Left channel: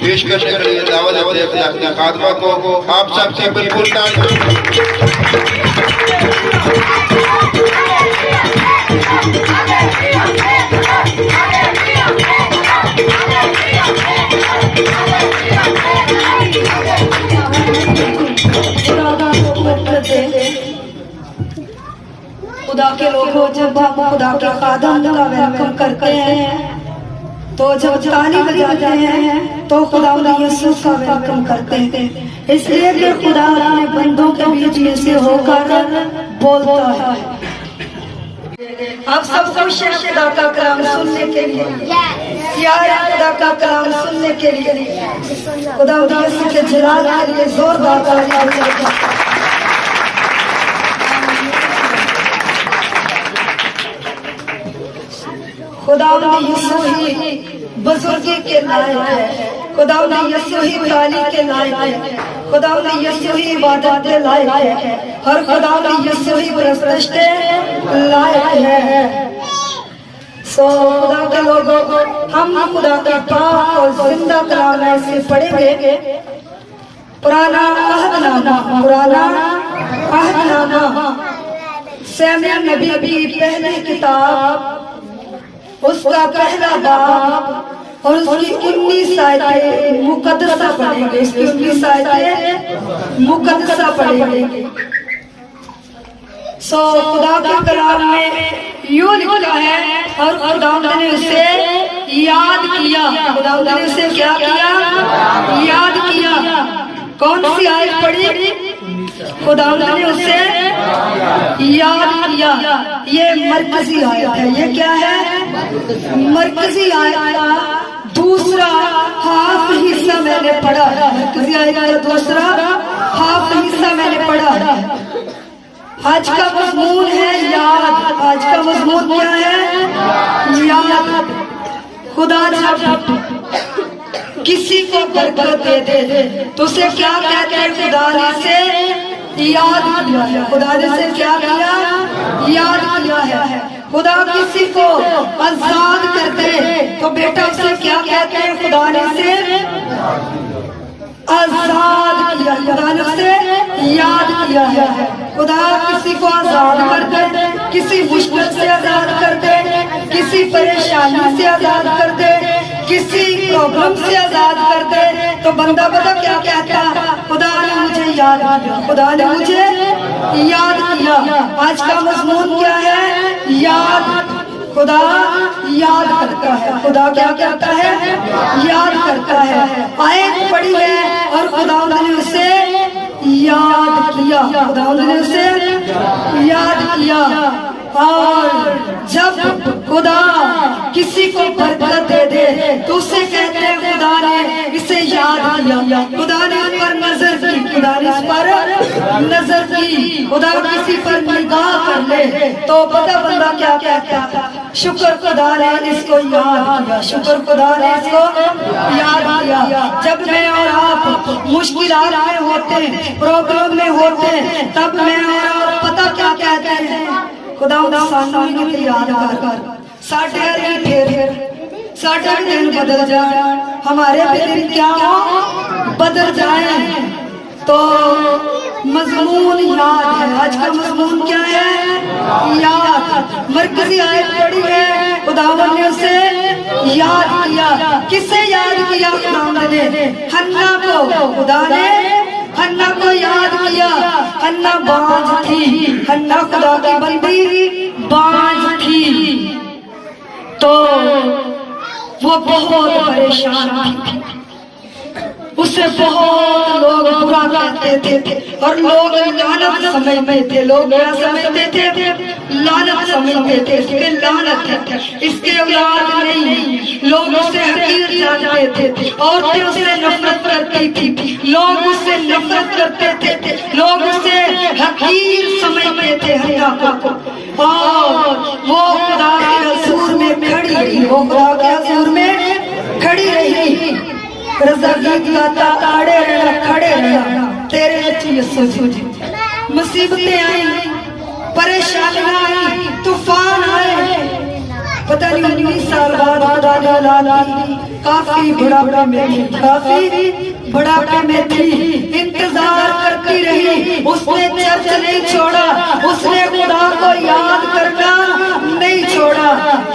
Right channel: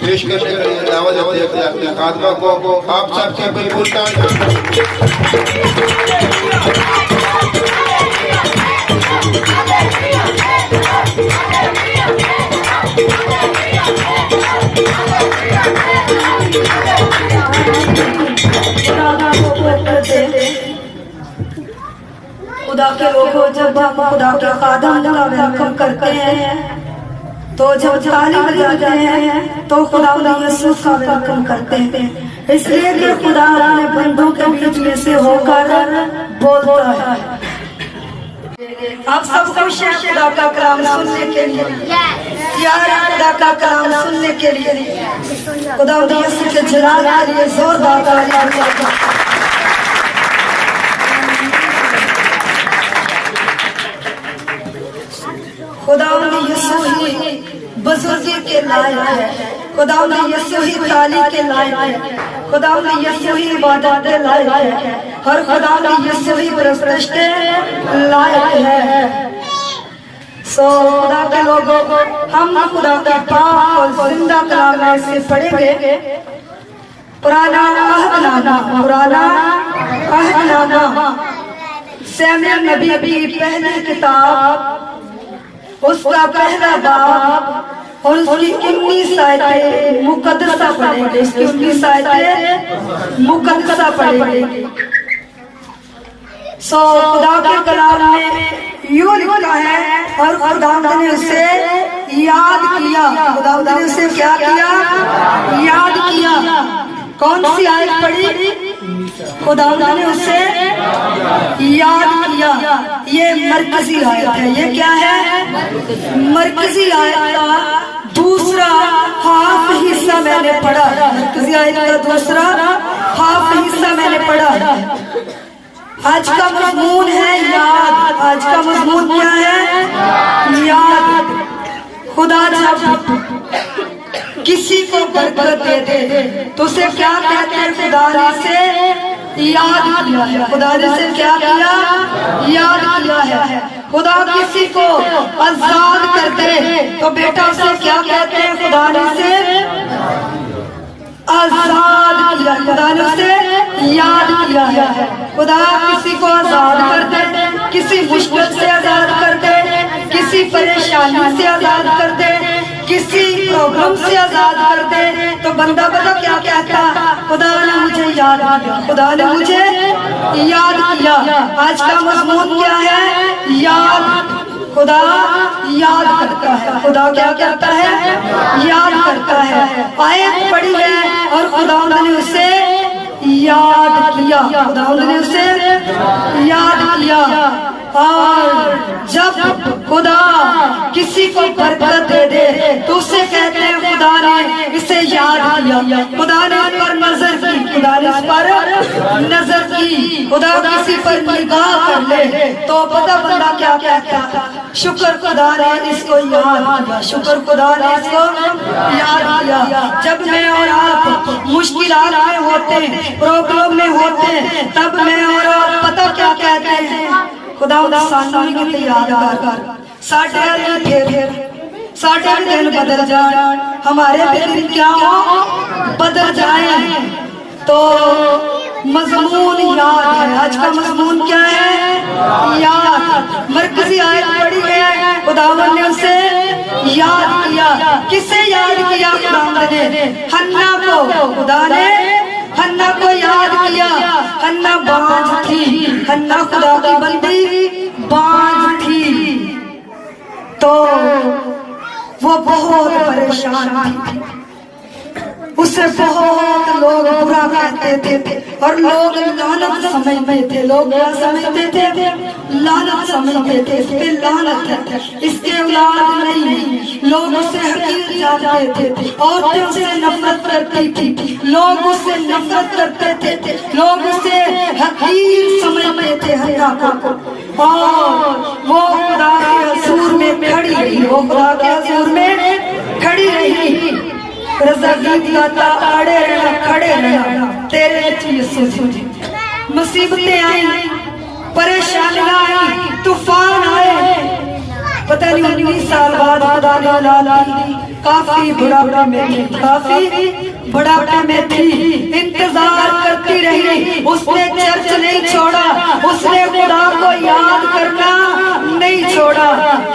پیشکش کے لیے دعوت دیتے ہیں اپنے خاتمہ کو آپ سب سے بالکل خدا کے لوگوں جب ہم خدا کے خادم کا ویلکم کرتے ہیں تو جب تالی بجاتے ہیں تو خدا یسوع کا ویلکم کرتے ہیں، اس لیے کہ خدا اپنے بندوں کے بیچ میں سے ہو کر بولتا ہے۔ آپ سب خوش ہیں خدا کا کلام سننے کے لیے؟ پیار ہے خدا کا کلام سننے کے لیے؟ خدا یسوع کے جلال کے لیے زوردار تالیاں۔ خدا یسوع ہی بزرگی کے لائق ہے، خدا یسوع ہی تعالی کے لائق ہے، خدا یسوع ہی عبادت کے لائق ہے، اور خدا یسوع ہی پرستش کے لائق ہے۔ سو خدا کے لوگوں ہم خدا کا پاک اور زندہ کلام میں سے پڑھیں گے۔ پرانا عہد نامہ سیموئیل نبی کی پہلی کتاب، اس کا پہلا باب اور اس کی 19 آیتیں مقدسہ پڑھیں گے، اس کی 19 آیتیں مقدسہ پڑھیں گے۔ سو خدا کے کلام میں یوں لکھا ہے، اور خدا نے اسے یاد کیا، خدا نے اسے کیا کیا؟ یاد کیا۔ کون سی آیت پڑھی؟ خدا نے اسے یاد کیا۔ یہ مرکزی آیت ہے۔ یہ کیا ہے؟ مرکزی آیت کا دوسرا ہاف حصہ میں نے پڑھا، مرکزی آیت کا دوسرا ہاف حصہ میں نے پڑھا۔ آج کا مضمون ہے یاد۔ آج کا مضمون کیا ہے؟ یاد۔ خدا جب کسی کو برکت دیتے تو اسے کیا کہتے ہیں؟ خدا نے اسے یاد کیا ہے۔ خدا نے اسے کیا کیا؟ یاد کیا ہے۔ خدا کسی کو آزاد کرتے تو بیٹا اسے کیا کہتے ہیں؟ خدا نے اسے آزاد کیا، خدا نے اسے یاد کیا ہے۔ خدا کسی کو آزاد کرتے، کسی مشکل سے آزاد کرتے، کسی پریشانی سے آزاد کرتے، کسی پرابلم سے آزاد کرتے تو بندہ پتہ کیا کہتا؟ خدا نے مجھے یاد کیا، خدا نے مجھے یاد کیا۔ آج کا مضمون کیا ہے؟ یاد۔ خدا یاد کرتا ہے۔ خدا کیا کرتا ہے؟ یاد کرتا ہے۔ آیت پڑھی ہے اور خدا نے اسے یاد کیا، خدا نے اسے یاد کیا۔ اور جب خدا کسی کو برکت دے دے تو اسے کہتے ہیں خدا نے اسے یاد کیا، خدا نے اس پر نظر کی، خدا نے اس پر نظر کی۔ خدا کسی پر نگاہ کر لے تو پتہ بندہ کیا کہتا؟ شکر خدا نے اس کو یاد کیا، شکر خدا نے اس کو یاد کیا۔ جب میں اور آپ مشکلات میں ہوتے ہیں، پرابلم میں ہوتے ہیں، تب میں اور آپ پتہ کیا کہتے ہیں؟ خدا سانوی کے یاد کر ساٹھے دن بدل جائیں، ہمارے دن کیا ہو؟ بدل جائیں۔ تو مضمون یاد ہے۔ آج کا مضمون کیا ہے؟ یاد۔ مرکزی آیت پڑھی ہے، خدا نے اسے یاد کیا۔ کسے یاد کیا؟ خدا نے حنا کو، خدا نے حنا کو یاد کیا۔ حنا بانجھ تھی، حنا خدا کی بندی بانجھ تھی، تو وہ بہت پریشان تھی، اسے بہت لوگ برا کہتے تھے اور لوگ لعنت سمجھتے تھے۔ لوگ کیا سمجھتے تھے؟ لعنت سمجھتے تھے، اس پہ لعنت ہے، اس کے اولاد نہیں۔ لوگ اسے حقیر جانتے تھے، عورتیں اسے نفرت کرتی تھی، لوگ اسے نفرت کرتے تھے، لوگ اسے حقیر سمجھتے تھے حنا کو۔ اور وہ خدا کے حضور میں کھڑی رہی، وہ خدا کے حضور میں کھڑی رہی۔ رضا گیت گاتا آڑے رہنا کھڑے رہنا تیرے یسوع جی۔ مصیبتیں آئی، پریشانیاں آئی، طوفان آئے، پتہ نہیں 19 سال بعد خدا نے اولاد دی، کافی بڑھاپے میں تھی، کافی بڑھاپے میں تھی، انتظار کرتی رہی، اس نے چرچ نہیں چھوڑا، اس نے خدا کو یاد کرنا نہیں چھوڑا۔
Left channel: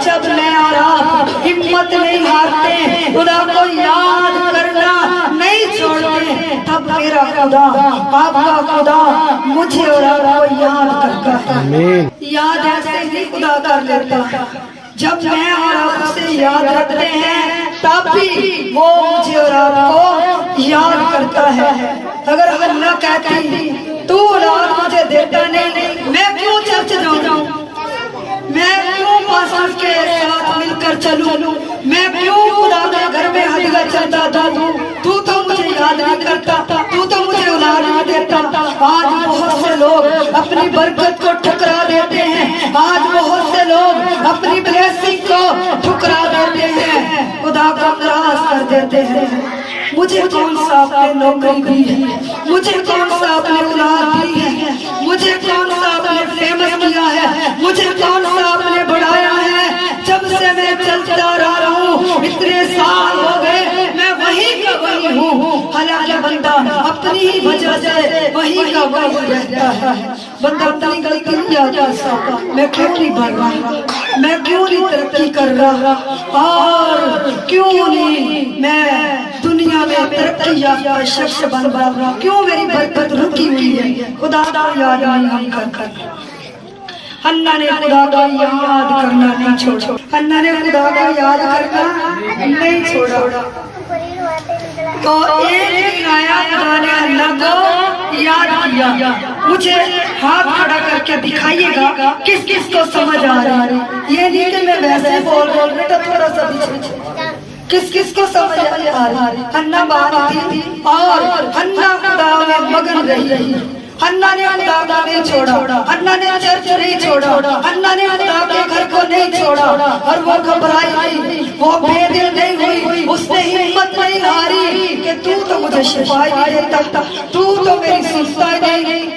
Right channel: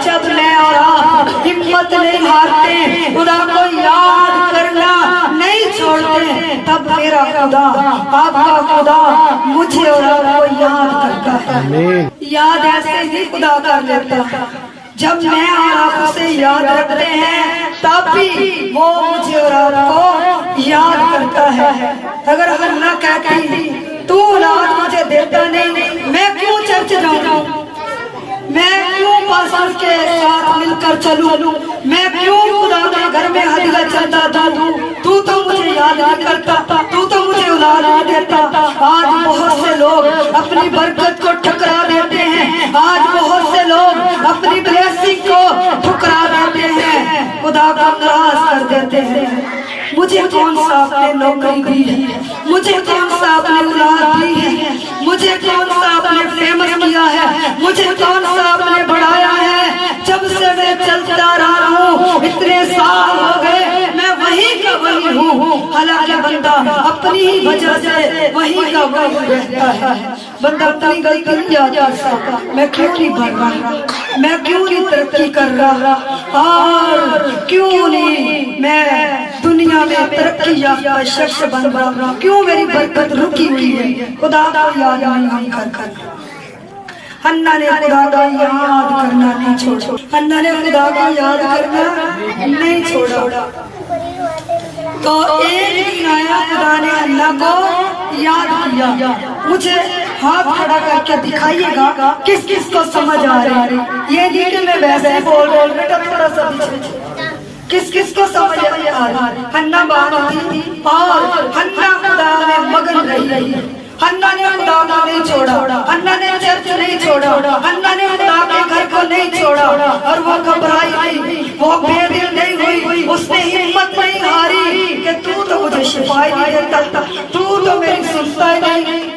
جب میں اور آپ ہمت نہیں ہارتے، خدا کو یاد کرنا نہیں چھوڑتے، تب میرا خدا، آپ کا خدا مجھے اور آپ کو یاد کرتا ہے۔ یاد ایسے ہی خدا کر لیتا ہے، جب میں اور آپ اسے یاد رکھتے ہیں تب بھی وہ مجھے اور آپ کو یاد کرتا ہے۔ اگر اللہ کہتی تو اولاد مجھے دیتا نہیں، میں کیوں چرچ جاؤں، میں کیوں پاسٹر کے ساتھ مل کر چلوں، میں کیوں خدا کے گھر میں ہدیہ چلتا دوں، تو مجھے یاد نہیں کرتا، تو مجھے اولاد نہیں دیتا۔ آج بہت سے لوگ اپنی برکت کو ٹھکرا دیتے ہیں، آج بہت سے لوگ اپنی بلیسنگ کو ٹھکرا دیتے ہیں، خدا کو ناراض کر دیتے ہیں۔ مجھے کون سا آپ نے نوکری دی ہے، مجھے کون سا آپ نے اولاد دی ہے، مجھے کون سا آپ نے فیمس کیا ہے، مجھے کون سا آپ نے بڑھایا ہے۔ جب سے میں چلتا رہا ہوں، اتنے سال ہو گئے، میں وہیں کا وہیں ہوں۔ حالانکہ بندہ اپنی ہی وجہ سے وہیں کا وہیں رہتا ہے۔ بندہ اپنی غلطی نہیں یاد کر سکتا، میں کیوں نہیں بڑھ رہا، میں کیوں نہیں ترقی کر رہا، اور کیوں نہیں میں دنیا میں ترقی یافتہ شخص بن رہا، کیوں میری برکت رکی ہوئی ہے۔ خدا کو یاد نہیں ہم کر حنا نے خدا کو یاد کرنا نہیں چھوڑا، حنا نے خدا کو یاد کرنا نہیں چھوڑا۔ تو ایک دن آیا، خدا نے حنا کو یاد کیا۔ مجھے ہاتھ کھڑا کر کے دکھائیے گا کس کس کو سمجھ آ رہا ہے۔ یہ نہیں کہ میں ویسے بول رہا تھا، تھوڑا سا پیچھے، کس کس کو سمجھ آ رہا ہے۔ حنا بات تھی اور حنا خدا میں مگن رہی، حنا نے خدا کو نہیں چھوڑا، حنا نے چرچ نہیں چھوڑا، حنا نے خدا کے گھر کو نہیں چھوڑا، اور وہ گھبرائی نہیں، وہ بے دل نہیں ہوئی، اس نے ہمت نہیں ہاری کہ تو مجھے شفا ہی دیتا، تو میری سنتا ہی نہیں۔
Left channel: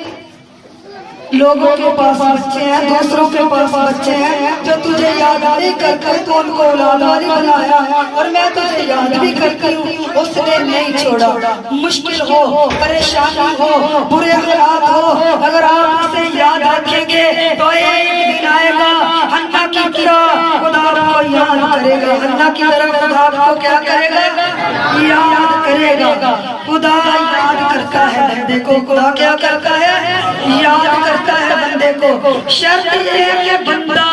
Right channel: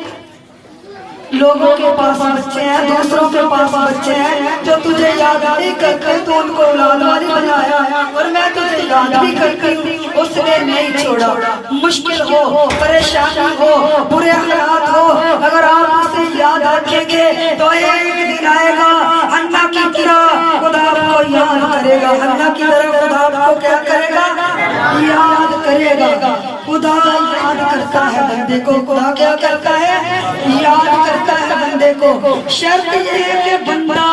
لوگوں کے پاس بچے ہیں، دوسروں کے پاس بچے ہیں جو تجھے یاد نہیں کرتے، تو ان کو اولاد والی بنایا، اور میں تجھے یاد بھی کرتی ہوں، اس نے نہیں چھوڑا۔ مشکل ہو، پریشانی ہو، برے حالات ہو، اگر آپ اسے یاد رکھیں گے تو ایک دن آئے گا حنا کی طرح خدا کو یاد کرے گا، حنا کی طرح خدا کو کیا کرے گا، یاد کرے گا۔ خدا یاد کرتا ہے بندے کو، خدا کیا کرتا ہے، یاد کرتا ہے بندے کو۔ شرط یہ ہے کہ بندہ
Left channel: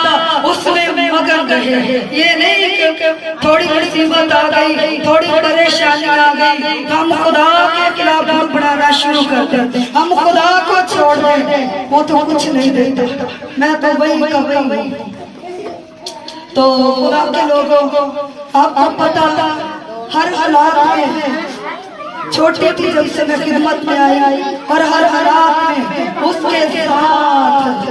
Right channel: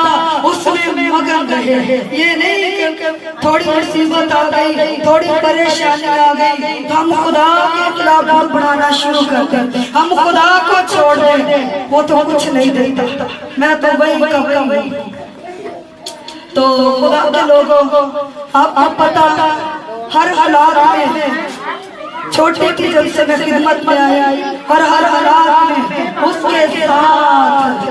اس میں مگن رہے، یہ نہیں کہ تھوڑی مصیبت آ گئی، تھوڑی پریشانی آ گئی، ہم خدا کے خلاف بڑھانا شروع کر دیں، ہم خدا کو چھوڑ دیں، وہ تو کچھ نہیں دیتا، میں تو وہی کا وہی۔ تو خدا کے لوگوں آپ کو پتا تھا ہر حالات میں، چھوٹی تھی جب سے میں خدمت میں آیا، اور ہر حالات میں اس کے ساتھ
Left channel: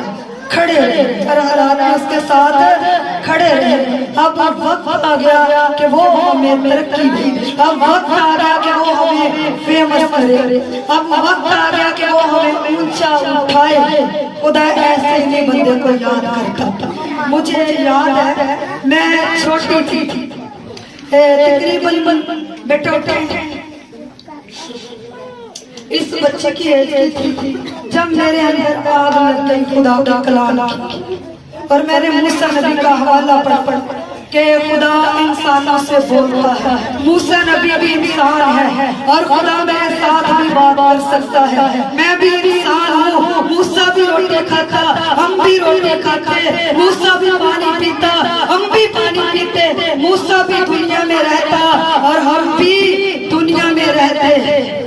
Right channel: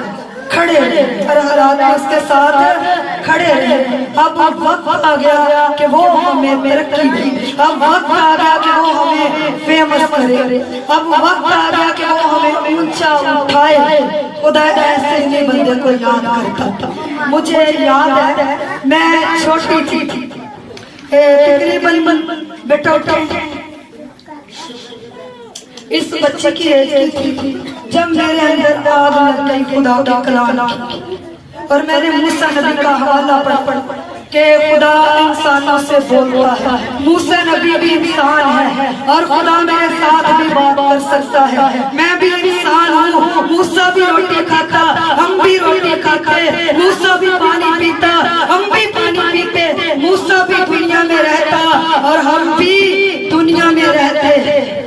کھڑے رہے، ہر حالات میں اس کے ساتھ کھڑے رہے۔ اب وقت آ گیا کہ وہ ہمیں ترقی دے، اب وقت آ گیا کہ وہ ہمیں فیمس کرے، اب وقت آ گیا کہ وہ ہمیں اونچا اٹھائے۔ خدا ایسے ہی بندے کو یاد کرتا۔ مجھے یاد ہے میں چھوٹی تھی، تقریباً بیٹا اس بچے کی ایج تھی جب میرے اندر آگ لگ گئی خدا کے کلام کی، اور میں نے موسیٰ نبی کا حوالہ پڑھا کہ خدا انسانوں سے بولتا ہے، موسیٰ نبی بھی انسان ہے اور خدا میرے ساتھ بھی بات کر سکتا ہے، میں بھی انسان ہوں، موسیٰ بھی روٹی کھاتا، ہم بھی روٹی کھاتے، موسیٰ بھی پانی پیتا، ہم بھی پانی پیتے، موسیٰ بھی دنیا میں رہتا اور ہم بھی دنیا میں رہتے۔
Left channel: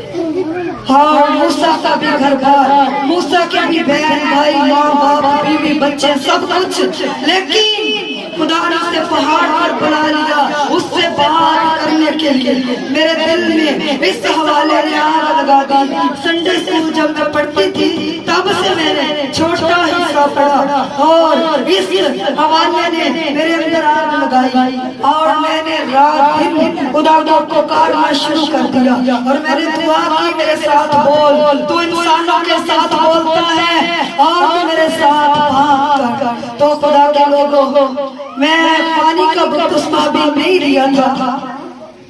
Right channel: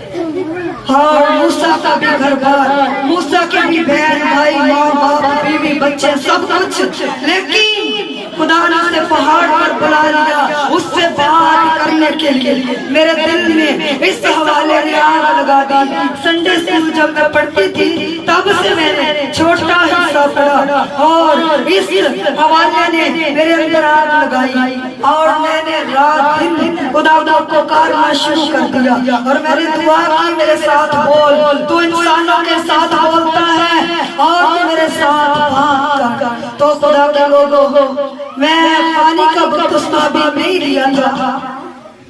ہاں، موسیٰ کا بھی گھر بار، موسیٰ کے بھی بہن بھائی، ماں باپ، بیوی بچے، سب کچھ، لیکن خدا نے اسے پہاڑ پر بلا لیا، اس سے بات کرنے کے لیے میرے دل میں اس حوالے نے آگ لگا دی. سنڈے اسکول جب میں پڑھتی تھی تب سے میں نے چھوٹا حصہ پڑھا اور اس حوالے نے میرے اندر آگ لگائی اور میں نے رات دن خدا کو پکارنا شروع کر دیا اور میں نے دعا کی میرے ساتھ بول, تو انسانوں کے ساتھ بولتا ہے اور تو میرے ساتھ بات کر. تو خدا کے لوگوں میں پانی کا بپتسمہ بھی نہیں لیا تھا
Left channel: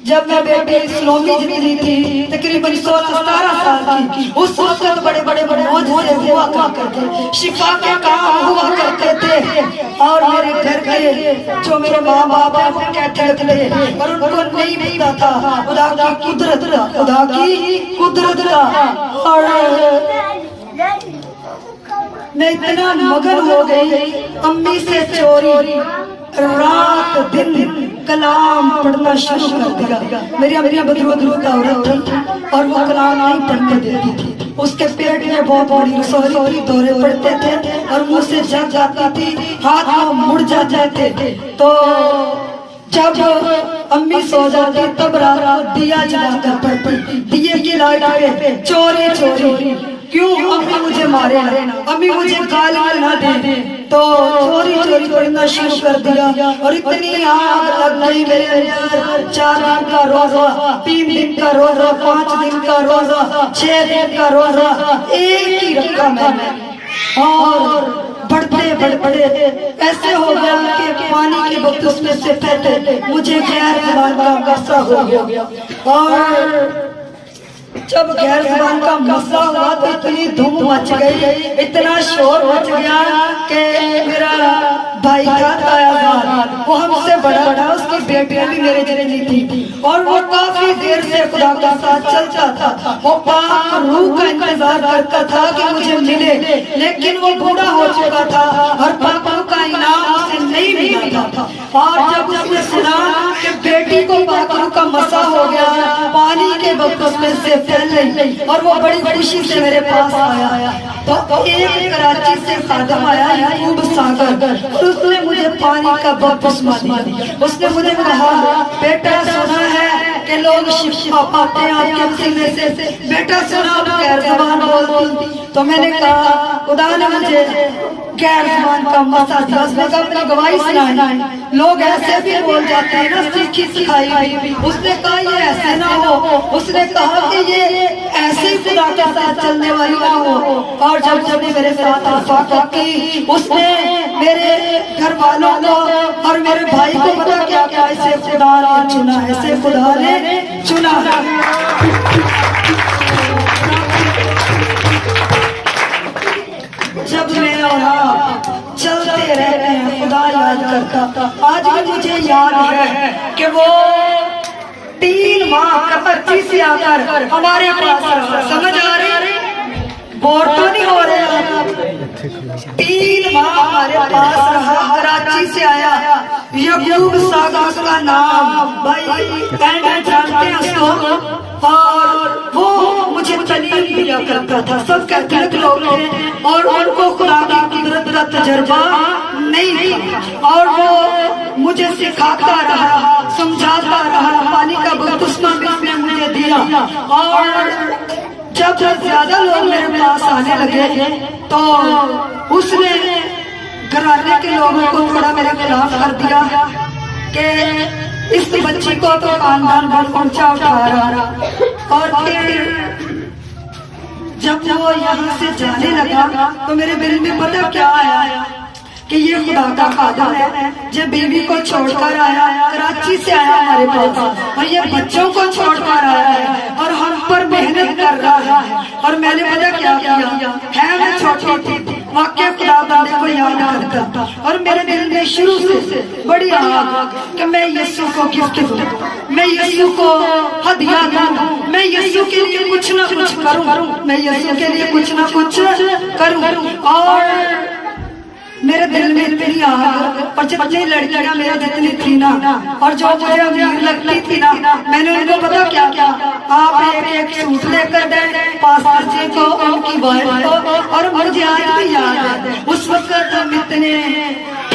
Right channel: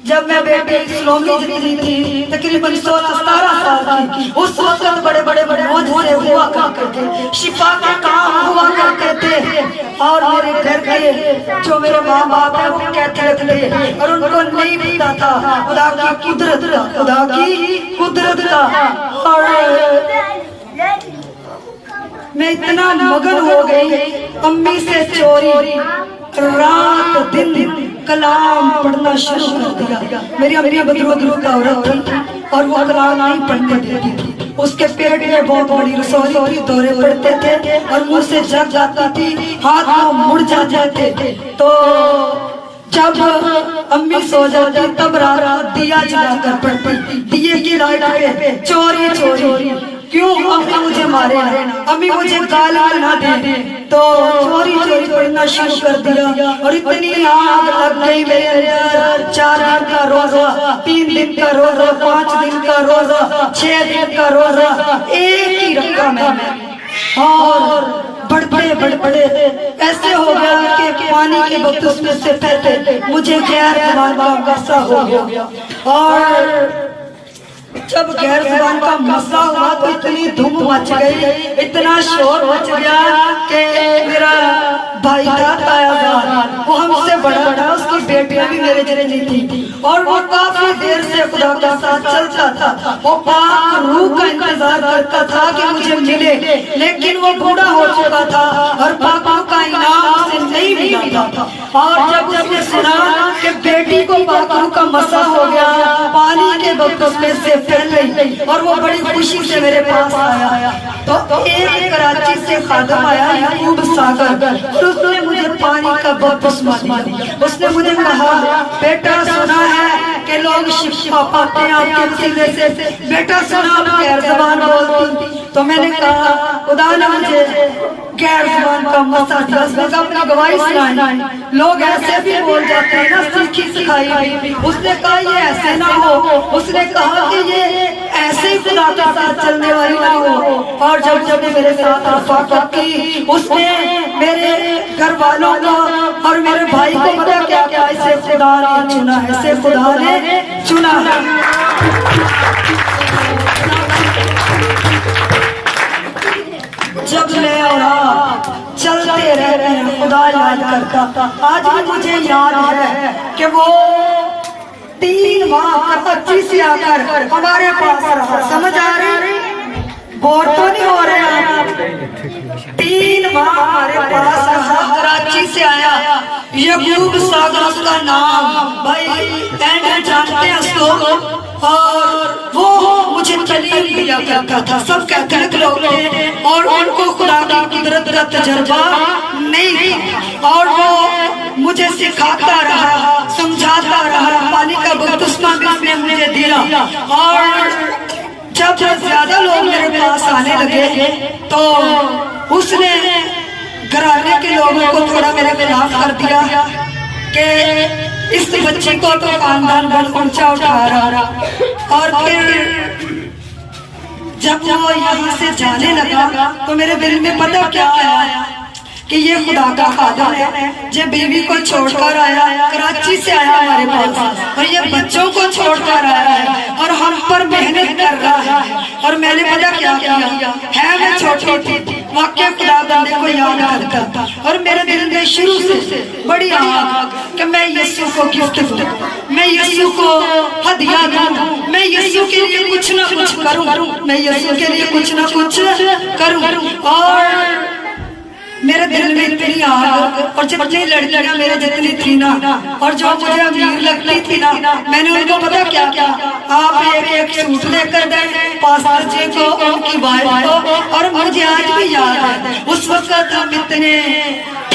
جب میں بیٹی سلومی جتنی تھی تقریباً 16-17 سال کی. اس وقت بڑے بڑے معجزے ہوا کرتے تھے, شفا کے کام ہوا کرتے تھے اور میرے گھر کے جو میرے ماں باپ ہیں وہ کیتھولک تھے اور ان کو نہیں پتا تھا خدا کی قدرت کا, خدا کی قدرت کا. اور میں اتنا مگن ہو گئی امی سے چوری رات دن کلام پڑھنا شروع کر دیا. میری امی بدرود کا عورت تھی اور وہ کلام نہیں پڑھنے دیتی تھی. اس کے پیٹ میں بہت بڑی رسوئی تھی, دورے پڑتے تھے اور منہ سے جگ جاتی تھی, ہاتھ میں مڑ جاتے تھے. تو جب امی سو جاتی تب رات دیا جلا کر پڑھتی. دیے کی لائٹ پہ چوری چوری کیوں امی مجھے مارے, امی مجھے گالیاں نہ دے. تو چوری چوری پڑھنا شروع کر دیا اور اتنی آگ لگ گئی میرے اندر. 4 دن کا روزہ, 3 دن کا روزہ, 5 دن کا روزہ, 6 دن کا روزہ ایک ہی رکھا میں نے. اور بڑھتے ایسے ہو گیا کہ پانی کے بپتسمے سے پہلے مجھے غیر زبان کا مسئلہ ہو گیا. اور جب غیر زبان کا مسئلہ ہوا تو اتنی دھوم مچ گئی, اتنا شور مچ گیا کہ میرا بھائی تھا آزاد, وہ ہم سے بڑا تھا, اس کی بیٹیاں بھی میرے جتنی تھی اور وہ کافی دیر سے خدا کے ساتھ چلتا تھا. وہ پاک روح کا انتظار کرتا تھا کہ مجھے ملے, لیکن وہ بوڑھا ہو چکا تھا اور پاک روح کا انعام اسے نہیں ملا تھا. اور جب اس نے سنا کہ بیٹی کو پاک روح کا مسا ہو گیا پانی کے بپتسمے سے پہلے, اور وہ بڑی خوشی سے میرے پاس آیا, تو ایک کراچی سے خادم آیا یعقوب ساگر, اور اس نے مجھے پانی کا بپتسمہ دیا. اس نے مجھے کہا بیٹا سنا ہے کہ لوگ شفا پاتے ہیں آپ کے وسیلے سے, بیٹا سنا آپ غیر زبان بولتی. تو میں نے کہا خدا نے مجھے غیر زبان کا مسا دیا. اس نے کہا اپنی گواہی سنائیں, لوگ ایسے بھی بول جاتے ہیں نا سیکھی سکھائی. اس نے کہا یہ ایسے نہ ہو, اس نے کہا کہ یہ ایسے ہی خدا کے ساتھ چلنے والی نہ ہو. اور جب نے میرے ساتھ رفاقت کی, اس نے میرے گھر والوں کو اور میرے بھائی کو پتا کیا کیا, اسے خدا نے چنا, اسے خدا نے چنا. جب میں اور آپ چلتے رہتے ہیں خدا یاد کرتا. آج بھی مجھے یاد ہے کہ وہ 3 ماہ کراچی سے آ کر ہمارے پاس رہا. سمجھ آ رہی, بور تو نہیں ہو رہے آپ؟ 3 ماہ ہمارے پاس رہا, کراچی سے آیا. یعقوب ساگر اس کا نام, بھائی جانتے ہیں اس کو, اور وہ مجھے تعلیم دیا کرتا تھا. سب کیتھولک لوگ تھے اور ان کو خدا کی قدرت کا تجربہ نہیں تھا, اور وہ مجھے سکھاتا رہا, سمجھاتا رہا. پانی کا بپتسمہ بھی اس نے مجھے دیا. اور جب زیادہ لوگ میرے پاس آنے لگے تو اس نے گھرانے کے لوگوں کو تھوڑا میرے خلاف کر دیا کہ اس بچی کو تو خاندان بڑا اونچا اٹھا رہا. اور پھر جب وہ یہاں سے جانے لگا تو میرے دل میں پتہ کیا آیا کہ یہ خدا کا خادم ہے, جو بیوی کو چھوڑ کر آیا, کراچی سے آیا ہمارے پاس, اور یہ بچوں کو چھوڑ کر آیا ہے اور ہم پر محنت کر رہا ہے. اور میں نے پتہ کیا کیا ہے, میں چھوٹی تھی واقعہ خدا بندے کو یاد کرتا, اور میرے دل میں شروع سے بڑی آگ کہ میں یسوع کو گفٹ دوں, میں یسوع کو ہدیہ دوں, میں یسوع کے لیے کچھ نہ کچھ کروں, میں یسوع کے لیے کچھ نہ کچھ کروں. اور میرے دل میں اتنی آگ, اور جتنی لڑکیاں میرے جتنی تھی نا, اور جو مجھے امیر لگتی تھی نا, میں نے ان کو پتا کیا کیا, آپ ایک سوٹ لے کر دیں پاسٹر جی کو, ان کی وائف کو. اور مجھے آج بھی یاد ہے اس وقت ہم اتنے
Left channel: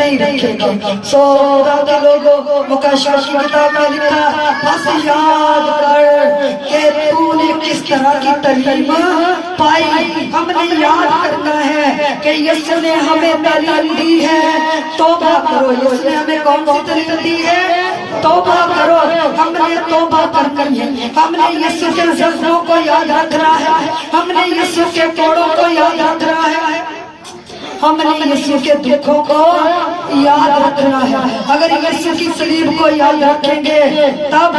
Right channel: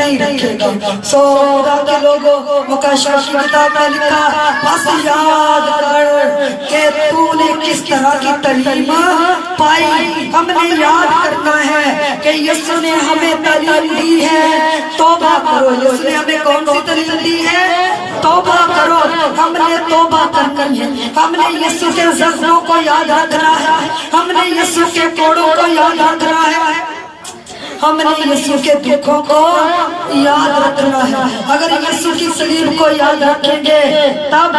نہیں رکھے گا. سو خدا کے لوگوں مکاشفہ کی کتاب میں لکھا بس یاد کر کہ تو نے کس طرح کی تعلیم پائی. ہم نے یاد کرنا ہے کہ یسوع نے ہمیں تعلیم دی ہے توبہ کرو. یسوع نے ہمیں کون سی تعلیم دی ہے؟ توبہ کرو. ہم نے توبہ کرنی ہے. ہم نے یسوع کے زخموں کو یاد رکھنا ہے. ہم نے یسوع کے کوڑوں کو یاد رکھنا ہے. ہم نے یسوع کے دکھوں کو یاد رکھنا ہے. اگر یسوع کی صلیب کو یاد رکھیں گے تب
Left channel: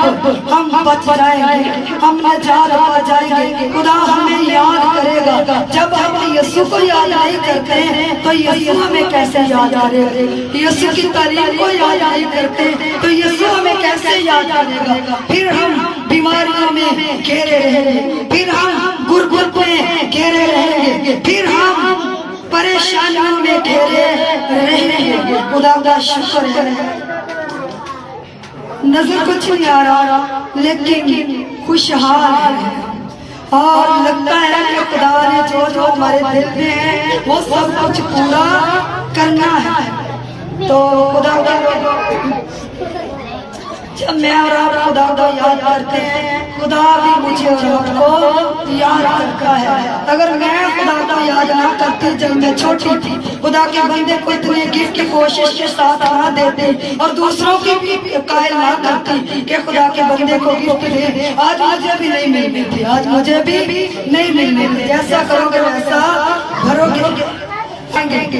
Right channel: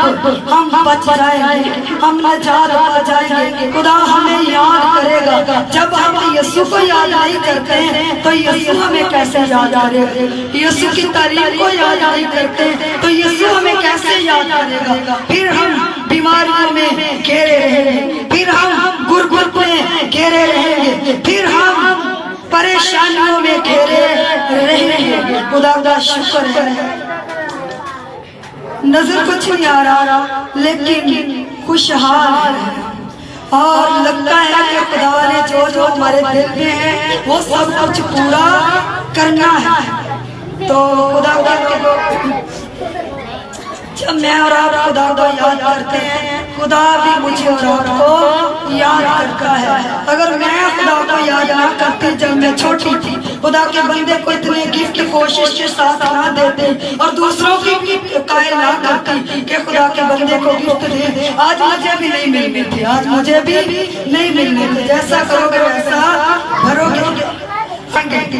ہم بچ جائیں گے, ہم نجات پا جائیں گے. خدا ہمیں یاد کرے گا. جب ہم یسوع کو یاد نہیں کرتے تو یسوع ہمیں کیسے یاد کرے گا؟ یسوع کی تعلیم کو یاد نہیں کرتے تو یسوع ہمیں کیسے یاد کرے گا؟ پھر ہم بیماریوں میں گھیرے رہیں گے, پھر ہم غربت میں گھیرے رہیں گے, پھر ہم پریشانیوں میں گھیرے رہیں گے. خدا کا شکر ہے نظر کچھ نہیں آ رہا لیکن خوشحال ہے, اور لگتا ہے کہ خدا نے جو ہمارے دل میں ہے وہ سب کچھ پورا کرنا ہے. تو خدا کا جب میں اور آپ خدا کو یاد کرتے ہیں خدا بھی مجھے اور آپ کو یاد کرتا ہے. اگر میں خدا کو یاد نہ کرتی جب میں چھوٹی تھی, خدا کے بندے کو اتنے گفٹ کوشش کے ساتھ نہ دیتے اور دوسروں کی قائل نہ کرتی کہ خدا کے بندے کو گفٹ دے, آج مجھے بھی نہیں ملنے تھے, آج مجھے بھی نہیں ملنے تھے. جیسا کرو گے ویسا بھرو گے.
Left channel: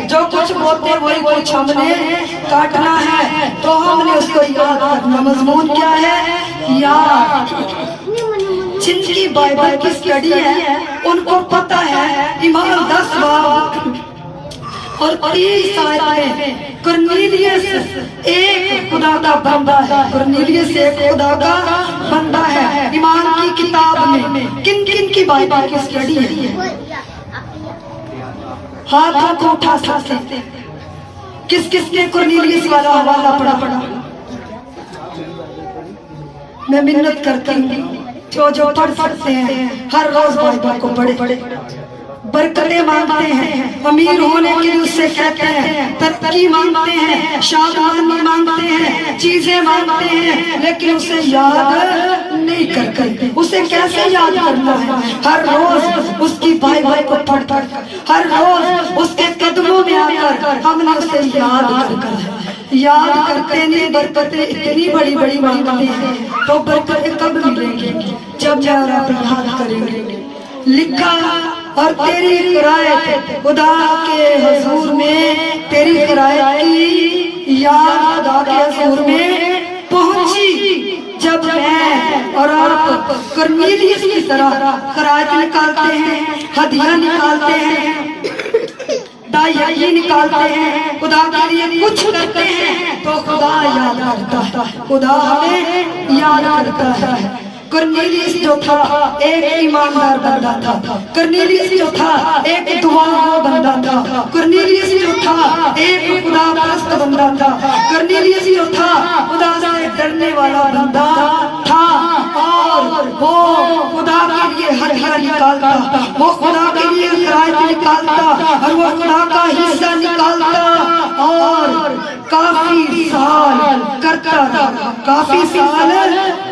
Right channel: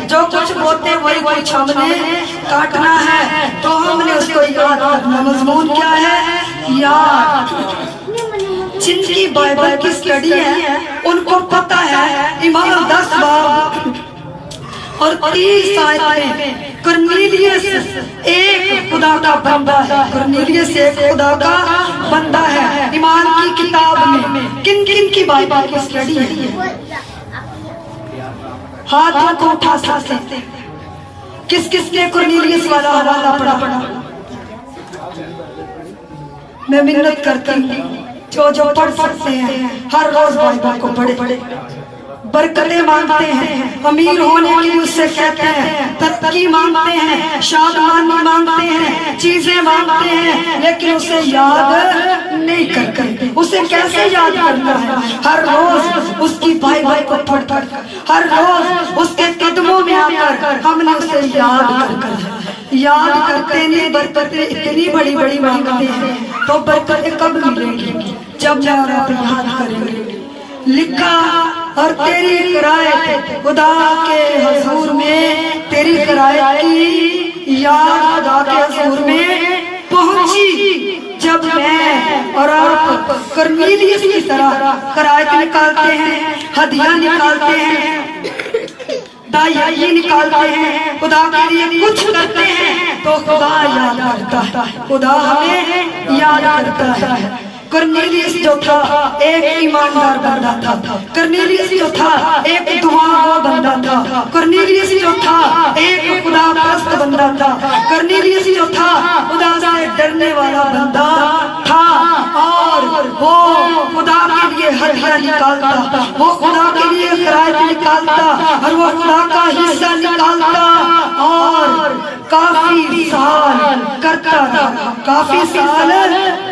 جو کچھ بولتے وہی کچھ ہم نے کاٹنا ہے, تو ہم نے اس کو یاد کرنا. مضمون کیا ہے؟ یاد. جن کی بائبل کی سٹڈی ہے ان کو پتہ ہے ایمان 10 باب اور 30 آیت میں کرنیلیس ایک خدا کا بندہ ہے. کرنیلیس ایک خدا کا بندہ ہے. ایمان کی کتاب میں کن کن کی بائبل کی سٹڈی ہے؟ ہاتھوں کو اٹھا سکتے کس کس نے کرنیلیس والا حوالہ پڑھا؟ میں منت کرتی ہوں جو پڑھ سکتے ہیں ہر روز بائبل کو پڑھے. برکتیں مانگتے ہیں, امیر ہونے کے لیے اس سے کہتے ہیں, ترقی مانگتے ہیں, شادمانی مانگتے ہیں, چیزیں مانگتے ہیں, لیکن اسے یاد نہیں کرتے. اسے کیسے یاد کرنا ہے؟ ہر روز اس کی بائبل کو پڑھ کر, ہر روز اس کے قدموں میں آ کر ہم نے اسے یاد یاد کرتے ہیں. برکتیں اتنی بڑی بڑی مانگتے ہیں تو برکتیں کب ملیں گی؟ جب میں اور آپ یاد کریں گے. لکھا اور تیری قرائت خدا کے حضور میں, تیری قرائت کی یاد خدا کے حضور میں پہنچی. جب میں اور آپ کرنیلیس کی طرح قرائت نکالتے ہیں, ہدیہ نکالتے ہیں, دائیں نکالتے ہیں, خدا کے لیے کچھ کرتے ہیں تو خدا یاد کرتا ہے, خدا ہمیں یاد کرتا ہے. کرنیلیس جو تھا ایک ایماندار بندہ تھا. کرنیلیس جو تھا ایک دعا بندہ تھا. کرنیلیس جو تھا ایک خدا پرست بندہ تھا. کرنیلیس جو تھا خدا سے ڈرنے والا بندہ تھا, اور وہ خدا کے لیے ہدیہ نکالتا, وہ خدا کے لیے قرائت نکالتا, اور وہ خدا کا حصہ نکالتا, اور کافی سال کرتا رہا, کافی سال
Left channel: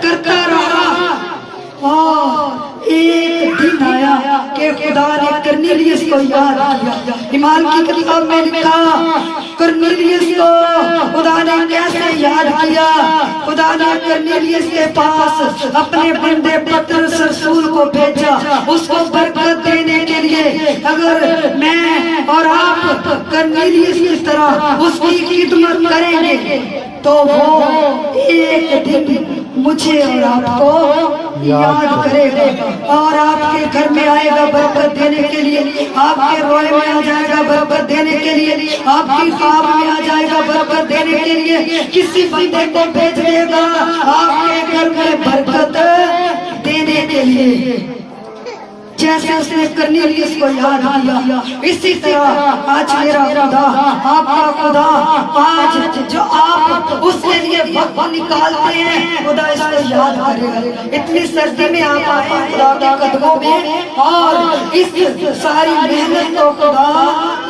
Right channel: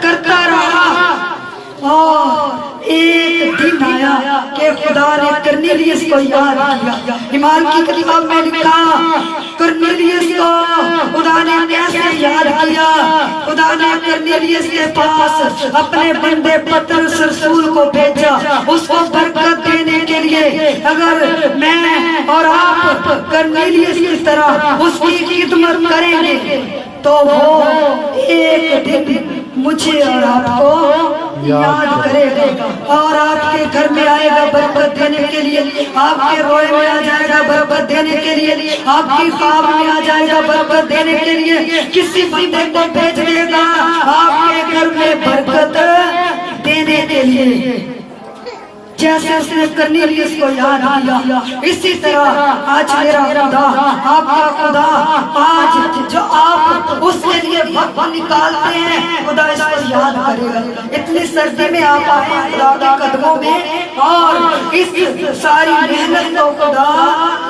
کرتا رہا. اور ایک دن آیا کہ خدا نے کرنیلیس کو یاد کیا. ایمان کی کتاب میں لکھا کرنیلیس کو خدا نے کیسے یاد کیا. خدا نے کرنیلیس کے پاس اپنے بندے پترس رسول کو بھیجا اس کو برکت دینے کے لیے. اگر میں اور آپ کرنیلیس کی طرح اس کی خدمت کریں گے تو وہ ایک دن مجھے اور آپ کو یاد کرے گا, اور آپ کے گھر میں آئے گا برکت دینے کے لیے, آپ کے روئے میں آ جائے گا برکت دینے کے لیے, آپ کی خواب میں آ جائے گا برکت دینے کے لیے. کسی بندے کو بھیج دے گا آپ کے گھر میں برکت دینے کے لیے. جیسے اس نے کرنیلیس کو یاد کیا, اسی طرح آج میرا خدا, آپ کا خدا, آج جو آپ اس کے لیے وقت نکالتے ہیں خدا اس کو یاد کرے گا. اتنی سردی میں آپ آئے خدا کے قدموں میں, اور اس ساری محنت کو خدا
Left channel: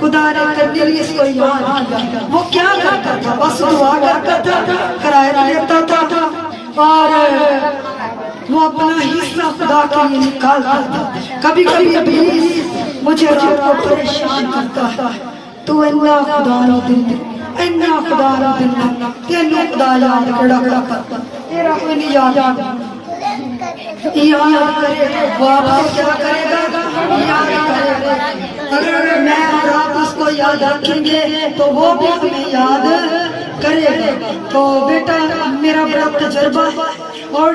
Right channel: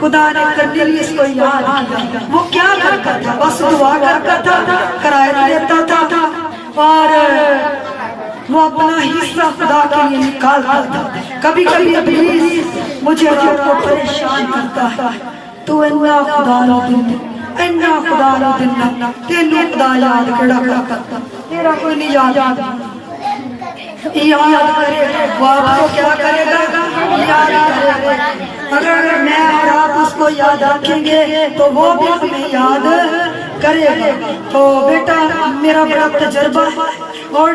خدا نے کرنیلیس کو یاد کیا. وہ کیا کرتا تھا؟ بس دعا کرتا تھا، کرایہ دیتا تھا، اور وہ اپنا حصہ خدا کے لیے نکالتا تھا. کبھی کبھی ابلیس مجھے اور آپ کو پریشان کرتا ہے، تو اینا خدا رو دن، اینا خدا رو دن، تینوں خدا یاد کڑا کرتا، تیرا کوئی نہیں یاد کرے. وہ آپ کو کیا کرے گا؟ یاد کرے گا. اگر میں اور آپ اس کو یاد رکھیں گے تو وہ بھی ہمیں یاد کرے گا. تو بیٹا میرا بڑا تجربہ ہے، اور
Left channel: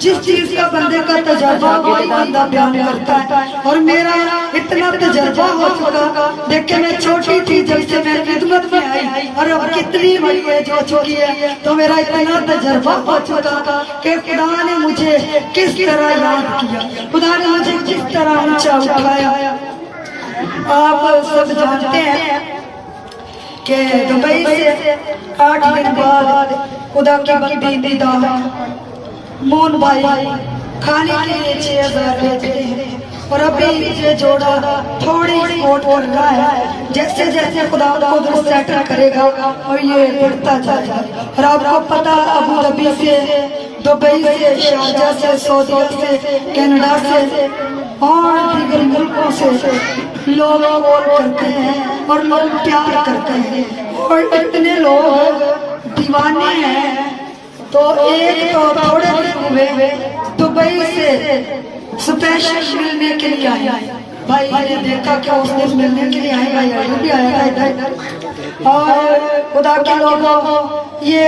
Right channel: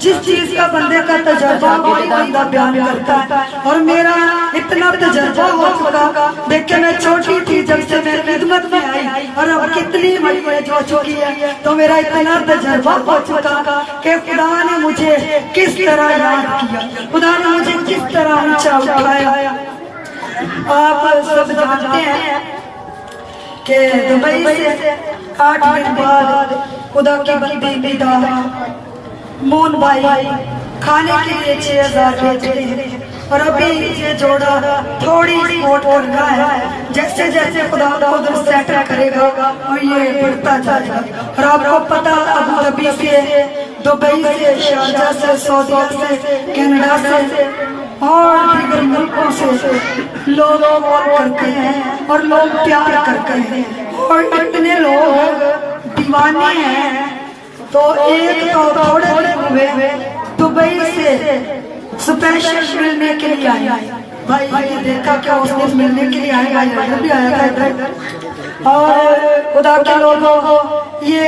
جس چیز کا بندے کا تجربہ وہی بندہ بیان کرتا ہے. اور میرا اتنا تجربہ ہو چکا، دیکھ کے میں چھوٹی تھی جب سے میں خدمت میں آئی، اور اب کتنی بڑی ایج ہو چکی ہے، تو میرا اتنا تجربہ ہو چکا کہ خدا نے مجھے کس طرح یاد کیا، خدا نے مجھے کس طرح اونچا اٹھایا. آپ سب جانتے ہیں کہ دبئی سے 8 دن بعد خدا کی بندی ندا مون بھائی کھانے کے لیے 6000 بھیجتے ہیں، اور ابھی یہ جوڑا تھوڑی سپورٹ کر رہا ہے. جیسے جیسے خدا قدرت سیٹل کرے گا اور یہ بڑھتا جائے گا. اور آپ کو پتا ابو ظبی سے، دبئی سے، شارجہ سے، سعودیہ سے، کینیڈا سے اور دیگر ملکوں سے لوگ کال کرتے ہیں اور لوگ پیار کرتے ہیں، اور اتنے لوگ دیوانے ہیں. تو ایک تو تھوڑے دن ہوئے دبئی سے اسپیشل ملنے کے لیے آئے. بھائی نے دیکھا کہ اس دن ملنے کے لیے آئے گا، بھی آیا تھا ادھر. اور خدا کے لوگوں، یہ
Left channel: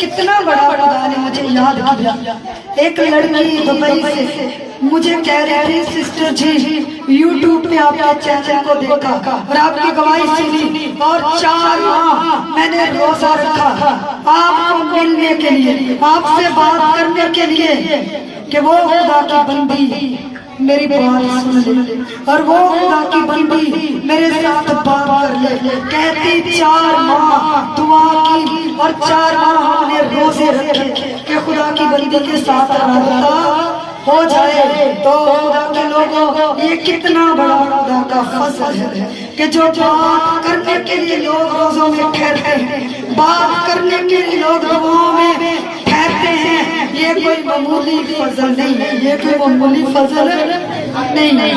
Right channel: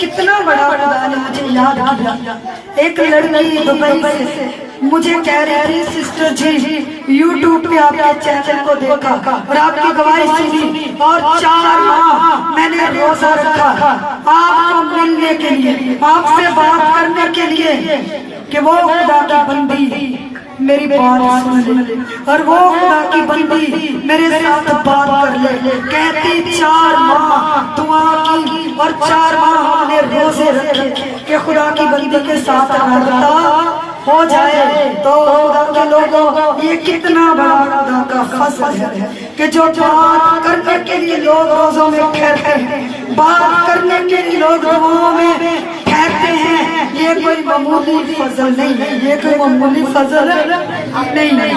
کتنا بڑا خدا نے مجھے یاد کیا. ایک لڑکی دبئی سے مجھے کہہ رہی تھی سسٹر جی یوٹیوب پہ آپ کے چینل کو دیکھا اور آپ کی گواہی سنی، اور 4 ماہ میں نے روزہ رکھا آپ کو ملنے کے لیے، آپ سے بات کرنے کے لیے کہ وہ خدا کی بندی میری بات سن لے، اور وہ خدا کی بندی میرے ساتھ بات کر لے. کہتی 4 ماہ دعا کی اور 4 ماہ ہم نے روزے رکھے کہ خدا کی بندی کے ساتھ رابطہ ہو جائے. تو خدا کے لوگوں، یہ کتنا بڑا خدا کا فضل ہے کہ جو بات کرنے کے لیے لوگ روزوں میں ٹھہرتے ہیں، بات کرنے کے لیے لوگ دعاؤں میں ٹھہرتے ہیں. یہ کوئی معمولی فضل نہیں ہے، یہ کوئی معمولی فضل نہیں ہے.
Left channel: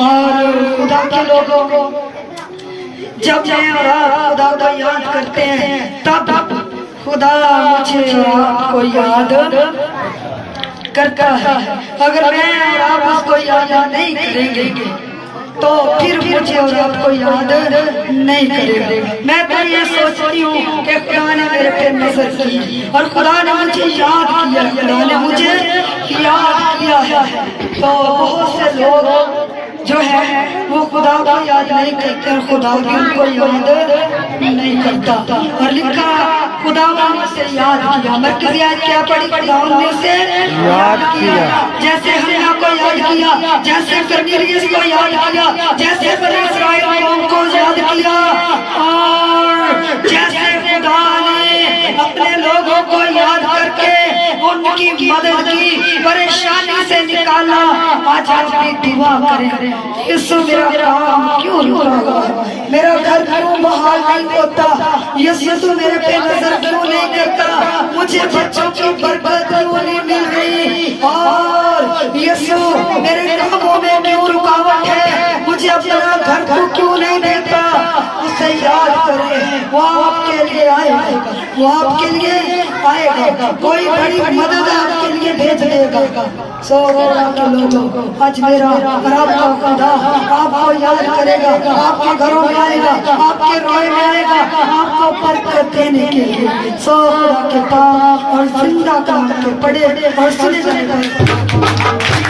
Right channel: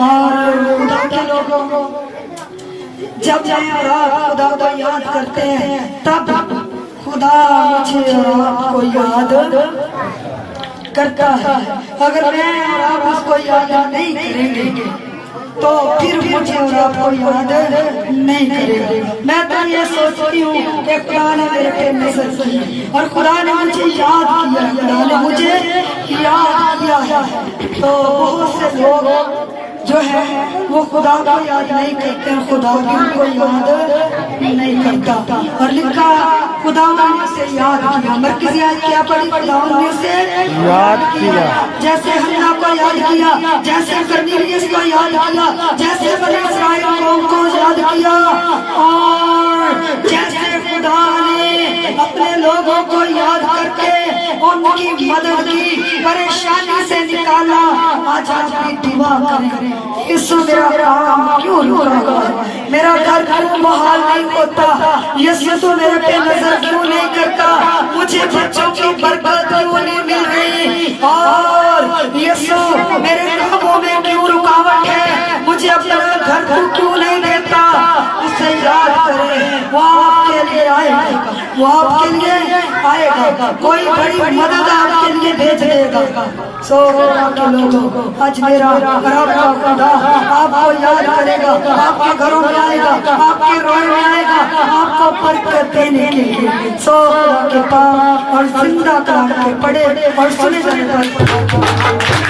اور خدا کے لوگوں، جب میں اور آپ خدا کو یاد کرتے ہیں تب خدا مجھے اور آپ کو یاد کرتا ہے. اگر میں اور آپ اس کو یاد نہیں کریں گے تو پھر مجھے اور آپ کو یاد نہیں کرے گا. میں تو یہ سوچتی ہوں کہ خدا نے میرے پہ نظر کی اور خدا نے مجھے یاد کیا، خدا نے مجھے یاد کیا ہے. تو بہت سے لوگ جو ہے وہ خدا کو یاد نہیں کرتے، خدا بھی ان کو یاد نہیں کرتا. اور لکھا خدا نے سے یاد کیا. مرکزی آیت کیا پڑھی؟ خدا نے سے یاد کیا. جیسے ہنا کو یاد کیا، جیسے کرنیلیس کو یاد کیا، جیسے بنی اسرائیل قوم کو یاد کیا، اور جیسے خدا نے اپنے لوگوں کو یاد کر کے ان کی مدد کی، پریشانی سے نکالا. آج آپ بھی دعا کریں، یسوع میرا کام کیوں رکا ہوا، میرا گھر کیوں بحال نہیں ہوتا، یسوع تو میرے پہ نظر کیوں نہیں کرتا، مجھے بچوں کی برکت کیوں نہیں مل رہی، اور یسوع میرے کاموں میں کیوں رکاوٹ ہے، مجھے اپنا گھر کو کیوں نہیں دیتا. اسے یاد کریں، وہ آپ کے لیے آئے گا، وہ آپ کے لیے آئے گا، کوئی بڑی مدد آپ کے لیے بھیج دے گا. سو خدا کے لوگوں، آج میرا اور آپ کا خدا آپ کو یاد کرے گا، آپ کے گھروں میں آئے گا، آپ کے روئے میں آئے گا، آپ کو برکت دینے کے لیے. سو خدا کے پاک اور زندہ کلام کے پڑھے اور سنے جانے پر